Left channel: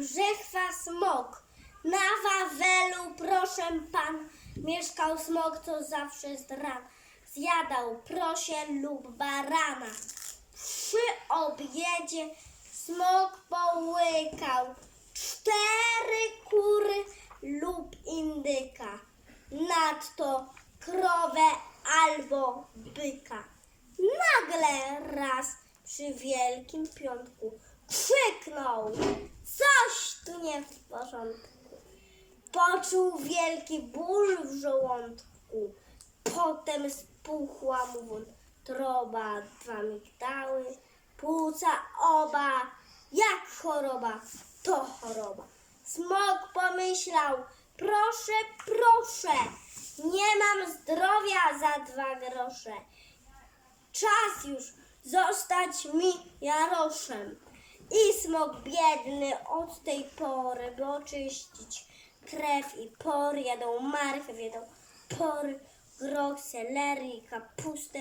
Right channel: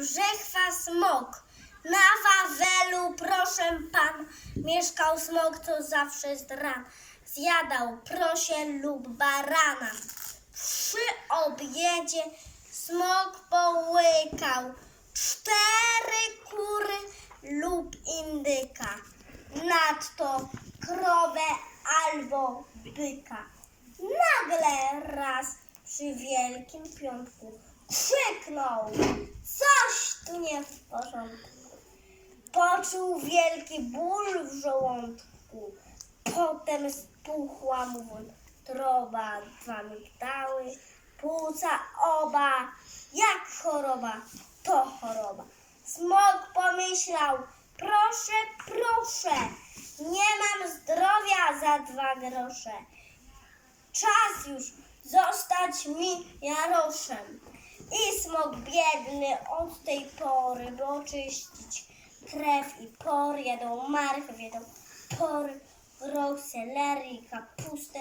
brzechwa smok. Na Wawelu, proszę pan, mieszkał smok, co zawsze z ran zjadał prosie lub barana. Przy obiedzie smok połykał cztery kury lub indyka, nadto krowę albo byka. Nagle raz przy wielkim piątku krzyknął, nie w porządku. Poczuł wielki ból w żołądku, potem spuchła mu wątroba, dwa migdały, płuca oba, jak choroba, to choroba. Smok pomyślał, proszę, proszę, nie mam zdrowia za dwa grosze. Czas już zostać mi jaroszem. I smok biedny od tej pory, by oczyścić krew i pory, jadą marchew, jadą pory, groch, selery, kapustę,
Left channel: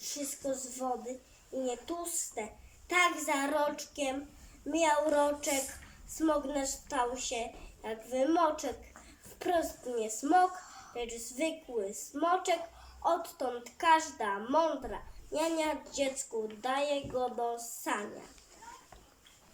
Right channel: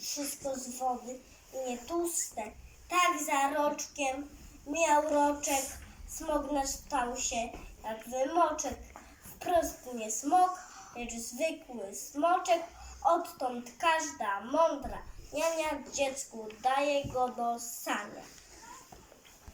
wszystko z wody i nie tłuste. Tak za roczkiem miał roczek, smok nasz stał się jak wymoczek. Wprost nie smok, lecz zwykły smoczek, odtąd każda mądra niania dziecku daje go do sania.